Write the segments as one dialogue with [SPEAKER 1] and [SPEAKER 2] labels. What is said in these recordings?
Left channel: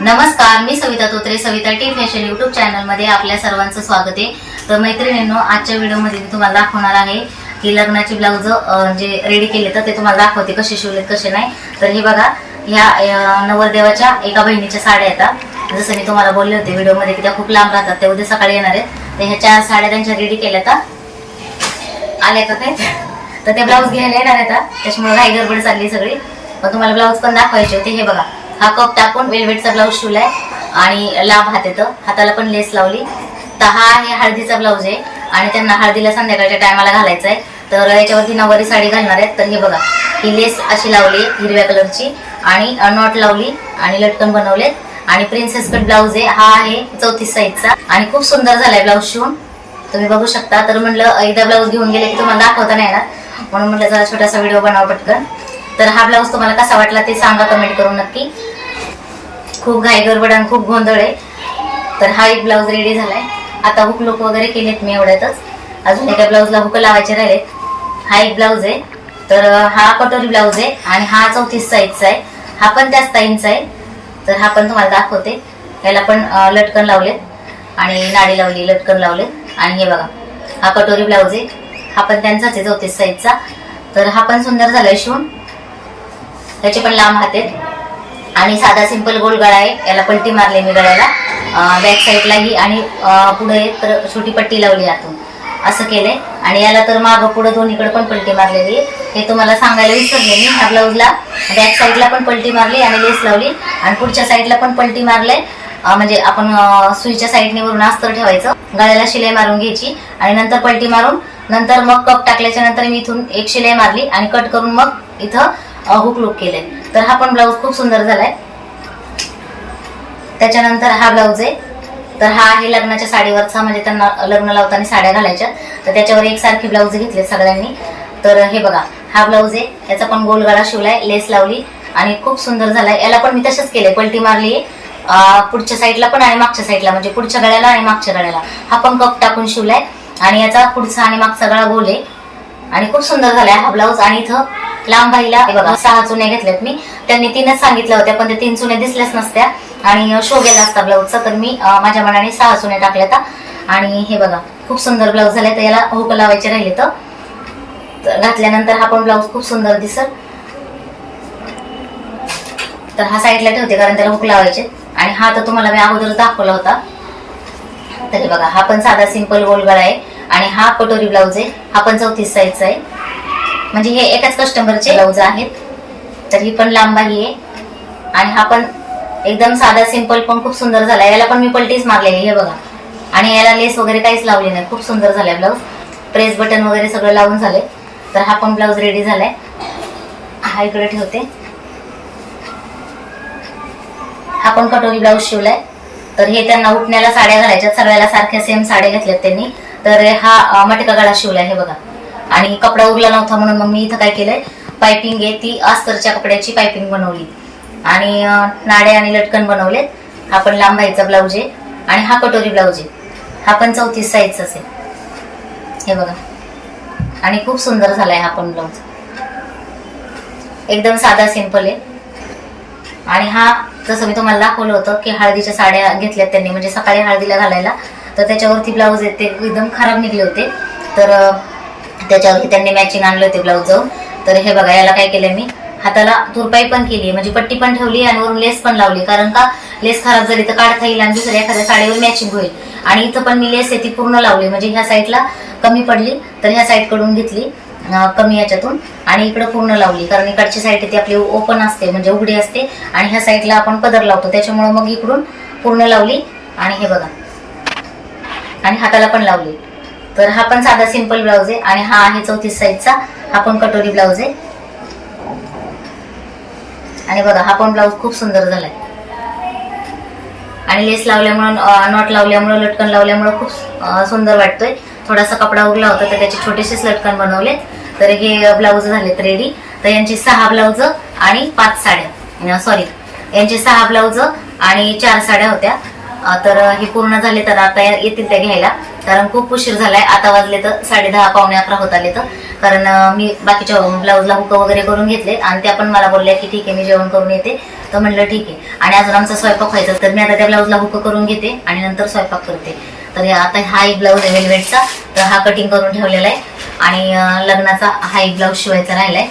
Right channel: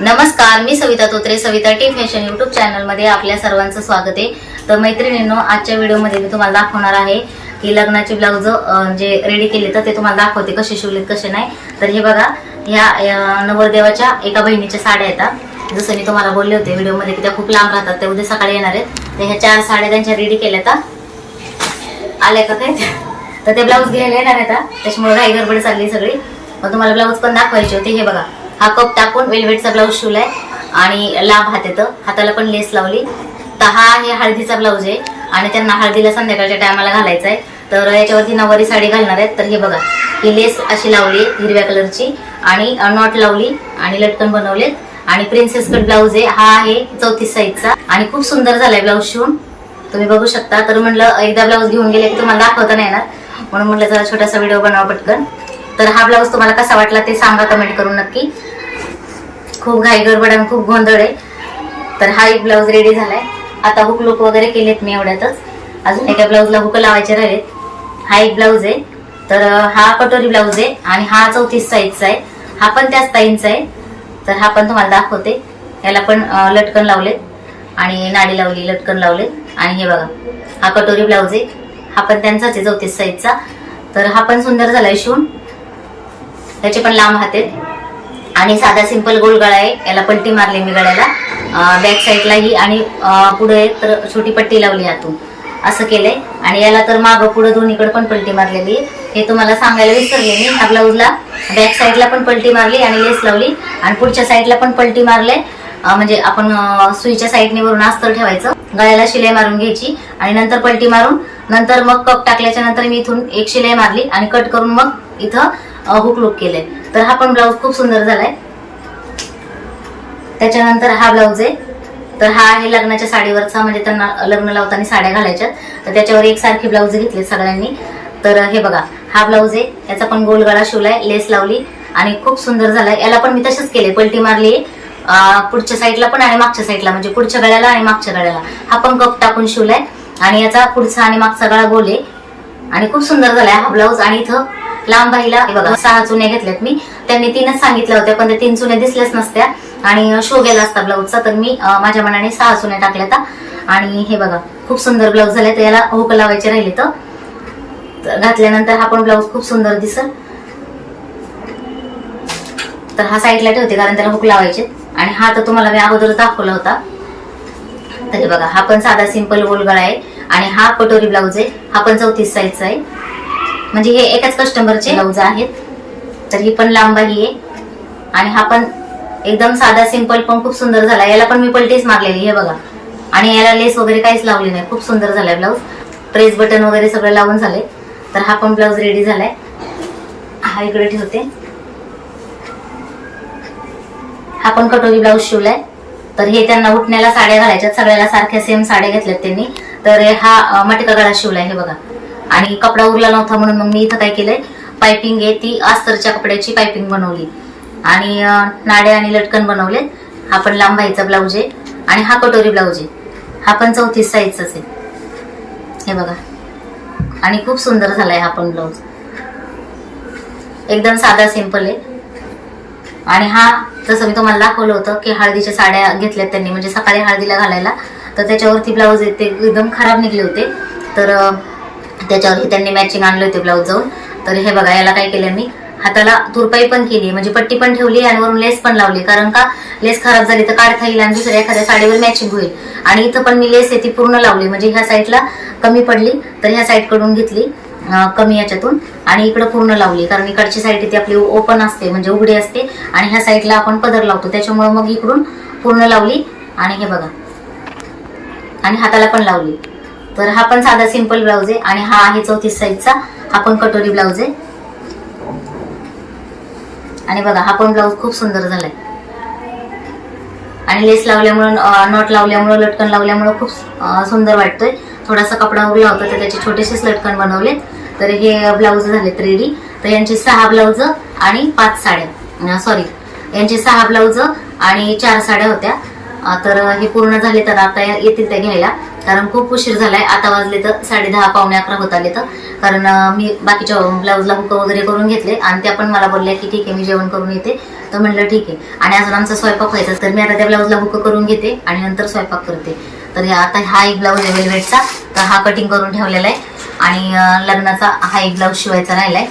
[SPEAKER 1] नमस्कार मी Savita Totre Savita T fashion YouTube चॅनलमध्ये आपल्या सर्वांचं स्वागत आहे. तर मैत्रिणींनो आजच्या व्हिडिओमध्ये मी तुम्हाला दाखवणार आहे की लग्नाची ब्लाऊज जे रेडी केले तर ते तुम्हाला दाखवते कसे शिवलेत कसे नाही. तर हे बघा ह्या नवरदेवाच्या एका बहिणीच्या साड्या येतात जसं मी तुम्हाला बोलले होते व्हिडिओमध्ये की त्या खूप लांब राहतात त्या उद्या सकाळी येणार आहेत. तर ह्या चार साड्या त्यांच्या रेडी केल्या तर आल्या का ते तर ते ब्लाऊज घ्यायला येणार आहेत आता. त्याच्यामुळे घाई गडबड चालली सगळी. मग तुम्हाला ब्लाऊज पण दाखवायचे होते हे बघा. हा कप टाकून वेलवेटचा ब्लाऊज शिवलाय आणि लांब हात येतं. हाताला पण लेस लावली. तर हा आहे हळदीचा ब्लाऊज आहे आणि त्यांना हळदीला संध्याकाळच्या टायमाला घालायचा आहे तर याच्यावरती नववारी साडी घालणार आहेत. तर हे बघा ही लेस अशी लावली हिरव्या कलरची आणि नॉट लावली आणि लटकन बनवले. आणि प्रिन्सेस कट ब्लाऊज आहे. हा आहे चौतीस साईजचा आणि खूप सुंदर झालाय ब्लाऊज शिवून. तुम्ही बघू शकता. तर म्हणलं एकदा ब्लाऊज घेऊन गेले की तुम्हाला दाखवता नाही येणार. म्हणून म्हणलं जरा छोटासा व्हिडिओ बनावा पटकन. तर हा ब्लाऊज तुम्हाला कसा वाटला ते सांगा कमेंट करून नक्की. खूप घाई गडबड आणि खूप गोंधळ आहे. तर हा एक ब्लाऊज रेडी झालाय. आता हुक लुक वगैरे केलेत मी एवढ्यातच. अजून एका ब्लाऊजला हुक लावायचे राहिलेत. हा एक ब्लाऊज आहे. तर हा कटोरी ब्लाऊज आहे आणि हा चौतीस साईजचा आहे. हा पण त्याच ताईंचा आहे. तर हा पण तुम्हाला दाखवते. याला पण लटकन लावलेत. आणि नाडी लावली लटकन लावलेत. आणि हे बघा हा कटोरी ब्लाऊज आहे. हा पण त्यांचाच आहे चौतीस साईजचा तर हा पण सुंदर झालाय शिवून. त्याचे पण लांब हात आहेत. आणि साधा सिंपल गोल गळा आहे. याला पलटी मारली मी गळ्याला. बॅक साईडला ही आणि पुढे तर छोटी पट्टी लावली आतून. असं केलंय. आणि याला तर मागं पुढे दोन्हीकडे पण पलटी मारलेली हे तुम्हाला सांगायला विसरले मी. ह्या ब्लाऊजला बॅक साईडला पण पलटी मारली आणि लेस लावली. आणि पुढच्या साईडला पण पलटी मारलंय. म्हणजे आपण सुईच्या साईडने वरून अस्तर ठेवायचं. गळ्याला शिलाई मारून घ्यायची. आणि नंतर पलटी मारून नंतर मग कप टाकल्याच्या नंतर मी इथून एक शिलाई मारली. आणि कट करून मग इथं हुक लुक केले तर हा पण ब्लाऊज खूप सुंदर झालाय. त्याच्यानंतर हा ब्लाऊज आहे. तर हा आहे लग्नाच्या साडीवरचा म्हणजे त्यांना लग्न लावताना साड्या घालायच्या. तर त्याच्यावर एकसारखे ब्लाऊज घेतले सगळ्यांनी. तर हे बघा हा ब्लाऊज आहे. याचा पण गोलगाळा शिवलाय लेस लावली आणि खूप सुंदर झालाय. याला पण मी तसंच केलंय पलटी मारली. पुढच्या साईडला पण आणि मागच्या साईडला म्हणजे पुढच्या गळ्याला आणि मागच्या गळ्याला. हा पण कप टाकून शिवलाय. आणि याचा पुढचा आणि मागचा गळा गोल आहे. आणि खूप सुंदर झालाय हा ब्लाऊज आणि इथं लांब बाईला बघा सहा चुन्या घेतल्यात मी. त्यांनी तीनच सांगितल्या होत्या पण ते तीन चुन्या दिसल्याच नसत्या. आणि शो गेला असता ब्लाऊजचा तर मी माझ्या मनाने सहा चुन्या टाकल्या होत्या. आणि हे बघा खूप सुंदर ब्लाऊज झाले तर याला हुक लावायचे राहिले तर. घातल्यानंतर हा पण ब्लाऊज खूप सुंदर दिसल. तर हा साईडला ठेवते कारण त्याला हुक लावायचे. आणि हा तर तुम्हाला मी अगोदरच दाखवला होता. तर हे बघा हा पण साधा सिंपल गोल गळा आहे. आणि हा कटोरी ब्लाऊज आहे. हा पण चौतीस साईजचा आहे. म्हणजे हे एकाच कस्टमरचे ब्लाऊज आहेत. तर ही पण लांबाही आहे. आणि हा पण एकदम साधा सिंपल पण खूप सुंदर झाला. याला पण मी पलटीच मागलेली हे बघा. आणि याला लेस वगैरे काहीच लावली नाही. खूप सुंदर झालाय ब्लाऊज प्रेस बटन वगैरे सगळं लावून झालंय तर हा पण ब्लाऊज रेडी झालाय. हा इकडे ठेवते. हा पण कटोरी ब्लाऊज शिवलाय. तर हे त्यांना उठण्याला साड्या घालायच्या सगळ्याला सारख्या सेम साड्या घेतल्यात त्यांनी. तर हा मटका गळा शिवलाय हे बघा. आणि कपडा उरला नव्हता म्हणून मग मी इथं काय केलंय? पायपिंग आहे ती अस्तरच्या कपड्याची पायपिंग बनवली. आणि अं, नाडे आणि लटकन बनवले हा पण लांब ब्लाऊज आहे. आणि हा कटोरी ब्लाऊज आहे. हा पण चौतीस साईजचा आहे. हे बघा. आणि खूप सुंदर झालाय हा पण ब्लाऊज. एकदम साधा सिंपल आहे. आणि हा जसं मी तुम्हाला दाखवलं होतं की हळदीच्या साड्या घेतल्यात त्यांनी. म्हणजे सकाळी हळदीला घालायला. तर त्याच्यावरती ब्लाऊज आहेत ते एकदम खराब निघले होते. तर त्याच्यावरती त्यांनी मॅचिंग आणले होते ब्लाऊज जाऊन तर हे बघा याला काय केलं मी? हाताला तुरपाई पण केली म्हणजे पट्टी पण ठेवली आणि वरून लेस पण लावली. कारण का लेस खराब झाली तर काढता येईल आणि दुसऱ्या एखाद्या साडीवर मॅचिंग होईल. आणि इथं पण मी लेस आहे ती पूर्ण लावली. म्हणजे ह्या साईडला कमी पडली तर ह्या साईडकडून घेतली कमी याच्यातून. आणि इकडं पूर्ण लावली. कारण इकडची साईड ती आपली ओपन असते म्हणजे उघडी असते. आणि ह्या साईडला आपण पदर लावतो. त्याच्यामुळे मग इकडून पूर्ण लावली. आणि हे बघा. आणि हाताला पण लावली. तर हा पण साधा सिंपल ब्लाऊज आहे आणि हा आहे चौतीस साईजचा हा पण कटोरी ब्लाऊज आहे. आणि बघा हा पण ब्लाऊज खूप सुंदर झालाय. आणि लेस लावल्यामुळं नॉट लावल्यामुळं लटकन लावल्यामुळं खूप सुंदर वाटतोय. थोडासा कपडा उरला होता तर त्याचे छोटेसेच लटकन बनवले तर हे ब्लाऊज झालेत रेडी तर यांची सहा ब्लाऊज आणि पाच साड्या. सॉरी यांचे सहा ब्लाऊज आणि चार साड्या होत्या. तर हे पूर्ण झाले तर आता येतील त्या घ्यायला. कारण खूप उशीर झालाय. आता वाजले तर साडे दहा पावणे अकरा होत आले तर. कारण मी बाकीच्या ब्लाऊजला हुक वगैरे करून घेतले आणि त्या पण मला बोलल्या की ठीक आहे मी जेवण करून येते. तर म्हणलं ठीक आहे. आणि अजून आमचा स्वयंपाक व्हायचा तर मी आता त्या ब्लाऊजला हुक करून घेते आणि नंतर स्वयंपाक करते. तर आता हा एक ब्लाऊज आहे वेलवेटचा तर हा कटिंग करून ठेवलेला आहे. आणि लग्नाचा हा एक ब्लाऊज शिवायचा राहिलाय.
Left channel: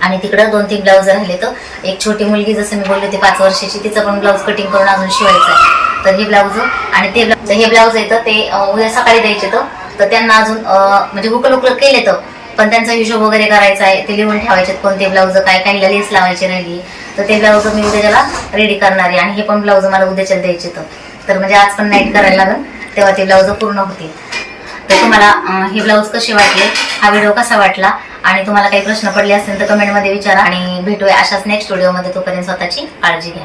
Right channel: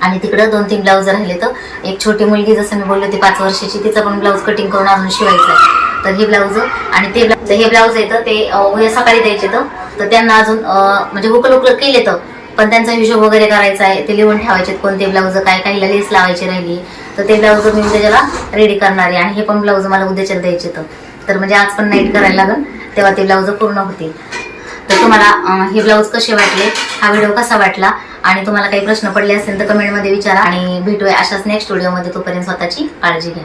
[SPEAKER 1] आणि तिकडं दोन तीन ब्लाऊज राहिले तर. एक छोटी मुलगी जसं मी बोलले होती पाच वर्षाची तिचा पण ब्लाऊज कटिंग करून अजून शिवायचा आहे. तर हे ब्लाऊज आणि ते तर हे ब्लाऊज येतं ते उद्या सकाळी द्यायचे तर त्यांना अजून म्हणजे हुकल हुकल केले तर. पण त्यांचा हिशोब वगैरे करायचा आहे ते लिहून ठेवायचे कोणते ब्लाऊज काय काहीला लेस लावायची राहिली. तर ते ब्लाऊज मी उद्या त्याला रेडी करणार आहे. आणि हे पण ब्लाऊज मला उद्याच्या द्यायचे तर म्हणजे आज पण नाईट करायला लागेल तेव्हा ते ब्लाऊज पूर्ण होतील. तर तुम्हाला हे ब्लाऊज कसे वाटले? हा व्हिडिओ कसा वाटला? आणि तुम्हाला काही प्रश्न पडले असतील तर कमेंटमध्ये विचारा. आणि भेटूया अशाच नेक्स्ट व्हिडिओमध्ये तोपर्यंत स्वतःची काळजी घ्या.